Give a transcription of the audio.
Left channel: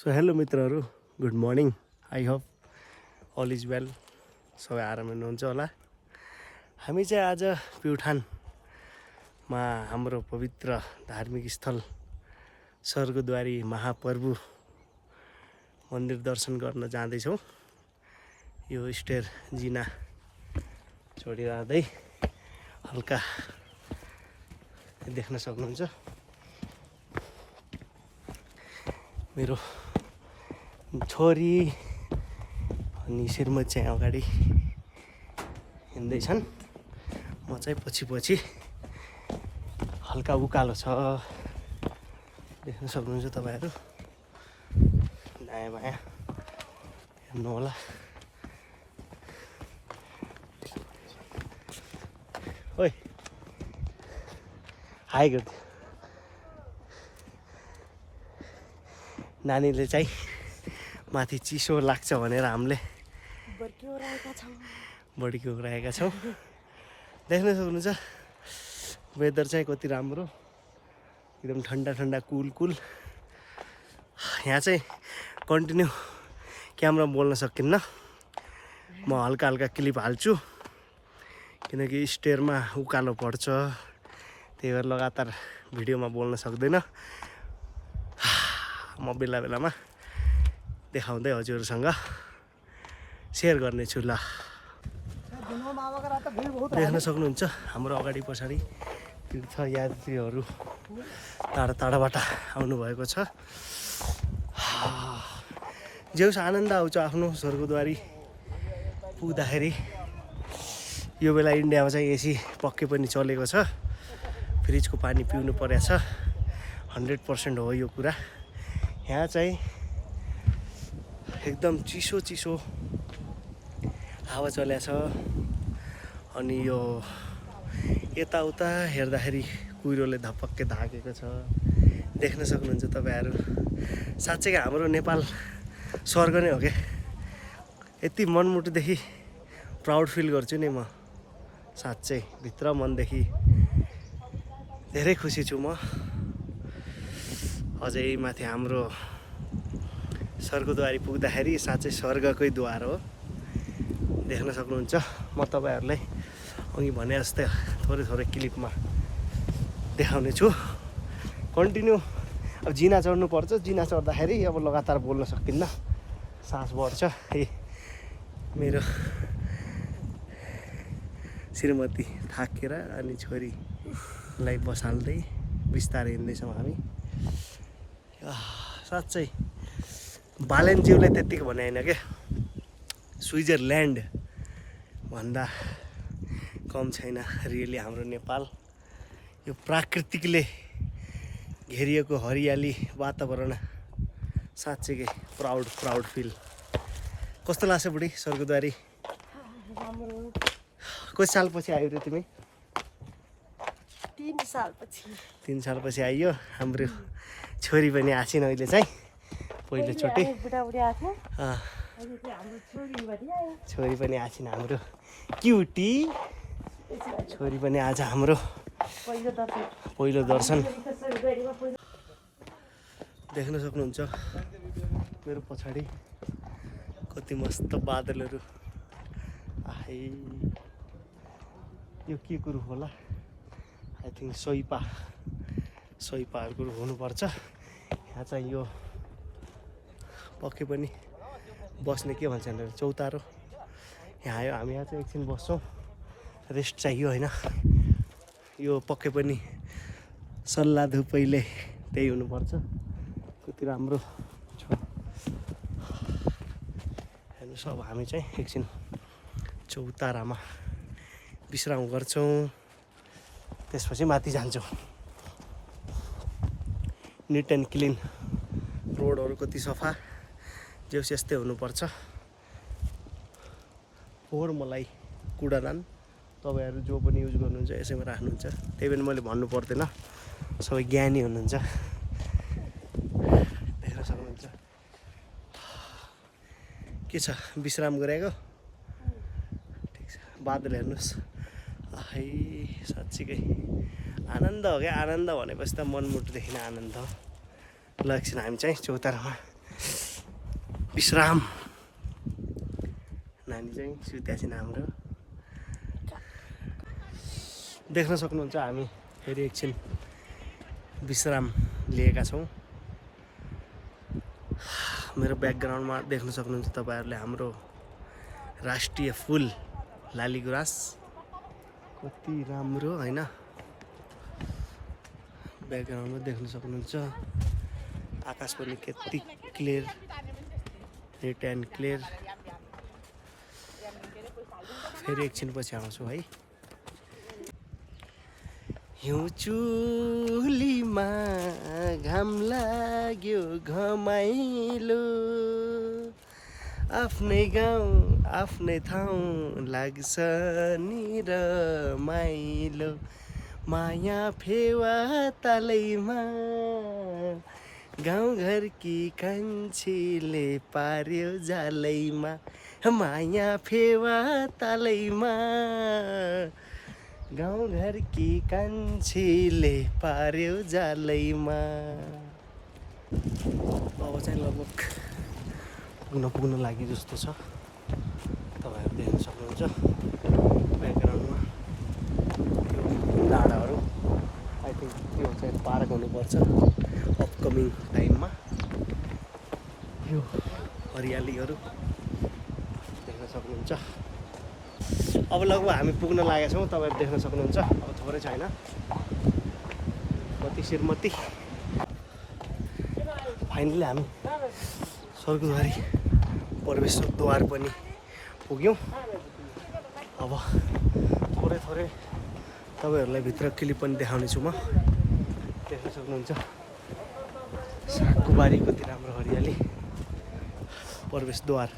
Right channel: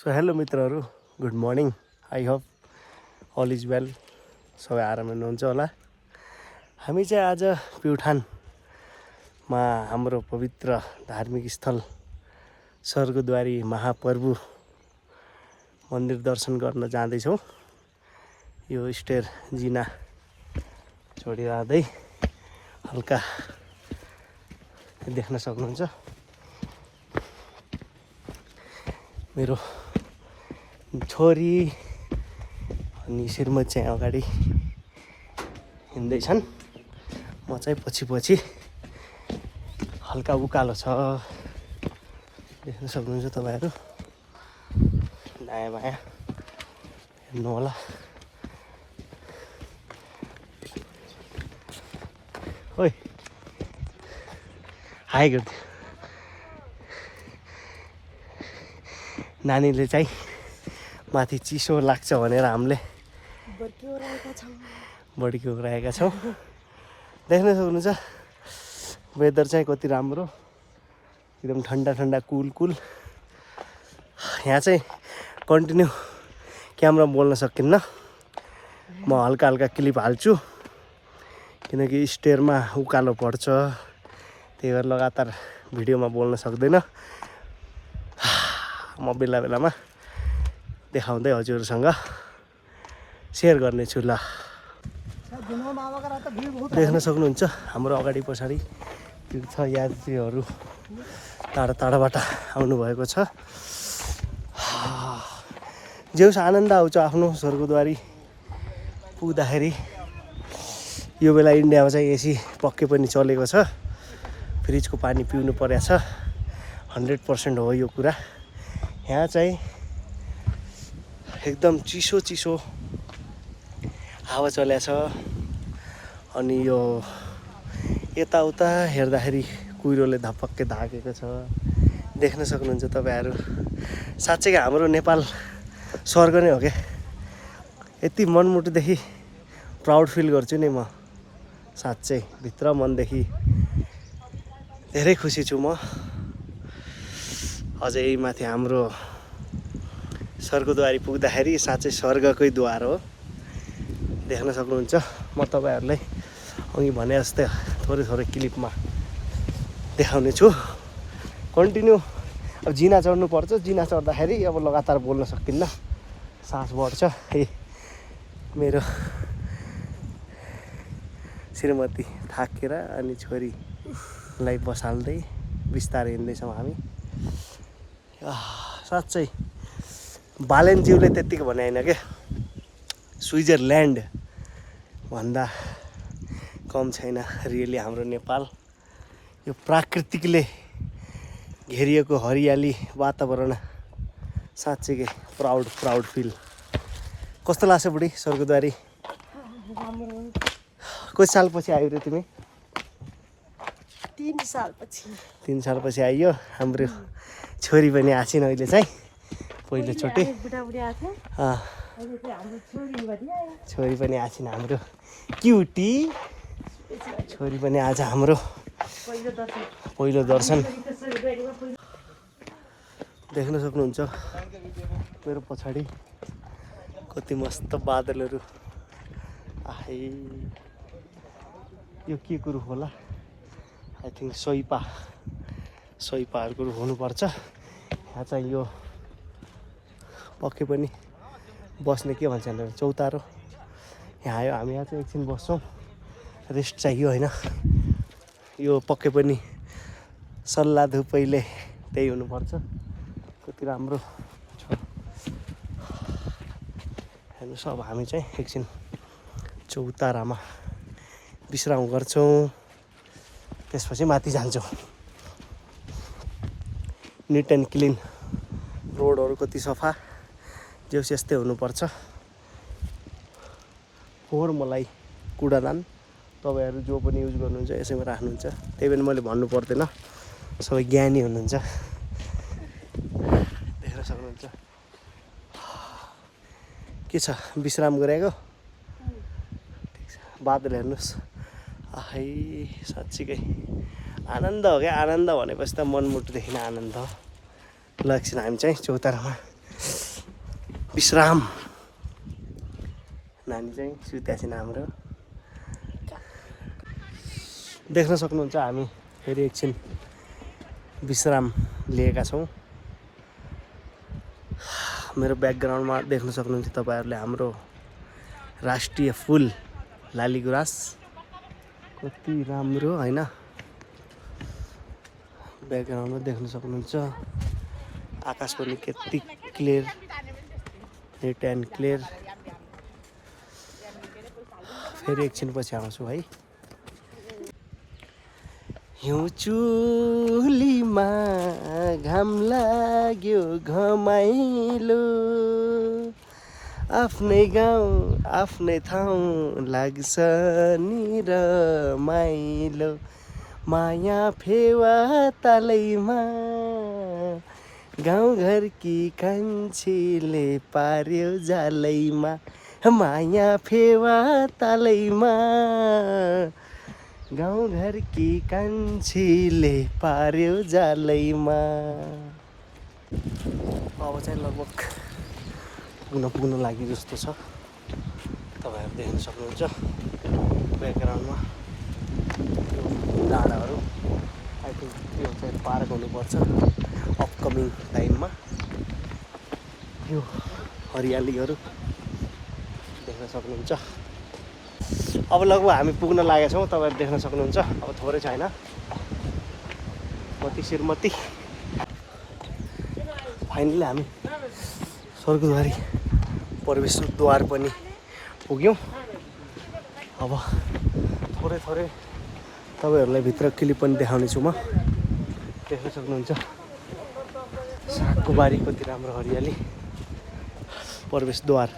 So hello मित्रहरू, good morning. I hope all is well. सबै आराम हुनुहुन्छ होला। हामी चाहिँ आज प्युठानमा हाम्रो पवित्र धार्मिक स्थल स्वर्गद्वारी महाप्रभु मन्दिर दर्शन गर्न जाँदैछौँ। यो स्टेयर जिना छोडिरहँदै हल्का देख्न सक्नुहुन्छ मेरो छोरी अनि श्रीमती चाहिँ अगाडि हिँड्दैछन्, म चाहिँ पछि हल्का उकालो छ, देख्न सक्नुहुन्छ तपाईहरु। दायाँ बायाँ हेर्नु होला। ओइ हाई गर्दै नानीले चाहिँ माथि चिसो लाग्छ भनेर हामीले बढिरहेका छौँ। देख्न सक्नुहुन्छ वेदर चाहिँ कति राम्रो, एकदम ठन्डा ठन्डा कुल। यहाँ चाहिँ कन्टिन्यू क्यामेरा बोल्न सकिन्न, म हल्का हल्का क्लिप हाल्छु किनकि स्टेयरमा उकालो पर्छ, त्यही भएर लगातार भिडियोमा बोल्न सक्दैन। म बेला बेलामा देखाउँदै हजुरसँग सेयर गर्नेछु। ल देख्न सक्नुहुन्छ हाम्रो अगाडि पछाडि तीर्थयात्रीहरू टाढा टाढाबाट आउनु भएको छ। जेउस आनन्द आउँछ आफ्नो स्वर्गद्वारी पुग्दाखेरि। यो बेला इन्डियामा चाहिँ एसी पक्कै पनि चलेको छ, फ्रिजको पानी पिउनु परेको छ। 100% हो यो कुरा। यहाँ चाहिँ एकदम चिसो हावा चलेको छ अनि यो यताउता हेर्दाखेरि कुहिरोले धपक्कै ढाकेको छ। देख्न सक्नुहुन्छ तपाईहरु। साँच्चै हाम्रो नेपाल स्वर्ग नै हो के। यति मनमुटुदेखि प्राउड फिल गर्छु नि म, साँच्चै भित्र मनदेखि धेरै खुसी छु म। अझै माथि हाम्रो स्वर्गद्वारी पुग्दाखेरि साँच्चै स्वर्गकै द्वार हो। देख्न सक्नुहुन्छ। म तपाईहरुलाई अघि भने जस्तै थोरै क्लिपमा देखाउने छु। कन्टिन्यू अब जिना चढ्नु पर्छ। जिना चढ्दाखेरि अब लगातार बोल्न सकिन्न, सास बढ्छ। मेरो श्रीमती थाकेर अनि छोरीलाई बसाल्दै बिस्तारै हिँड्दैछौँ हामी। साँच्चै बालेनज्यूले त्यत्तिको भने होइन के, स्विजरल्यान्ड भन्दा कम छैन रियली हाम्रो नेपाल। यो प्राकृतिकले घेरिएको हरियाली वातावरण साँच्चै प्राउड फिल। कस्तो लाग्छ बुढी स्वर्गद्वारी? कति सालपछि आयो रे तिमी? 3 सालपछि आइयो। हाम्रो छोरी पनि आछिन् अहिले चाहिँ पहिलोचोटि। छोरी पनि आछिन् हाम्रो क्युटी। छोरी पनि आज हाम्रो पहिलो दर्शन। देख्न सक्नुहुन्छ मेरो पछाडि कति मस्त बादलहरू। आहै यो के कुरो होला? आई थिङ्क सोइपाहरूको हुनुपर्छ। यहाँ चाहिँ यो पक्कै पनि बस्ने के भन्छ भने चौतारो। यहाँ आयो हामी, यहाँ चाहिँ एकछिन बस्छौँ, रेस्ट चाहियो होइन। यो पक्कै पनि सल्लाह धुपैले त्यही हुनुपर्छ। कति राम्रो छ हेर्नुहोस्। अब हामी चाहिँ एकछिन चौतारामा विश्राम गर्छौँ, त्यसपछि माथि जान्छौँ। निट एन्ड क्लिन रोडहरू कति सफा, जेउस यस्तै हुनुपर्छ। फोहोर मलाई कुडादान तपाईहरु जो पनि युज गर्नुहुन्छ यसैमा राख्नुहुन्छ, त्यही पनि मैले भन्नु पर्दैन, सबै ज्ञानी हुनुहुन्छ। देख्न सक्नुहुन्छ के छ, विश्राम गरेको ठिक छ। बादल हेर्नुहोस्, आहै साँच्चीकै आनन्द हो क्या। आनन्द भनेपछि त मनमुटुदेखि नै आनन्द हो। ल एकछिन हामी चाहिँ चौतारामा विश्राम नानी चाहिँ सुत्यासिन हाम्रो देख्न सक्नुहुन्छ हामी फेरि एकछिन विश्राम लिएका छौँ मेरो ब्याकग्राउन्डमा देख्न सक्नुहुन्छ तपाईहरुले हाम्रो राष्ट्रिय फुल लालीगुराँस कति राम्रो हैन ब्याकग्राउन्डमा देख्न सक्नुहुन्छ आकाश पनि कति क्लियर नेट एन्ड क्लियर फेरि एकछिन पछि आउँछु है हिउँ चुलीमा घाम लाग्यो घमाइलो आफ्नै गाउँ आफ्नै ठाउँ लाग्छ नि रमाइलो माया फेवा तालैमा गाउँघरकी कान्छीले पार्यो जालैमा माया फेवा तालैमा गाउँघरकी कान्छीले पार्यो जालैमा अब चाहिँ लगभग पुग्न लागि जस्तो छ तपाईहरु देख्न सक्नुहुन्छ ब्याकग्राउन्डमा डाँडाहरू आई थिंक त्यो चाहिँ पार्क हुनुपर्छ अपकमिङ टाइममा यो हरियालीहरू देख्न सक्नुहुन्छ अब लगभग हामी पुग्न लागेका छौँ तपाईहरु देख्न सक्नुहुन्छ अब थोरै छैन मती श्रीमती फाइनली हामी स्वर्गद्वारी प्रवेशद्वार पनि पुग्यौँ अब थोरै तपाईहरुलाई भित्र क्लिप पनि देखाउने छु म देख्न सक्नुहुन्छ सागको बारी कति राम्रो हरियाली प्रवेशद्वार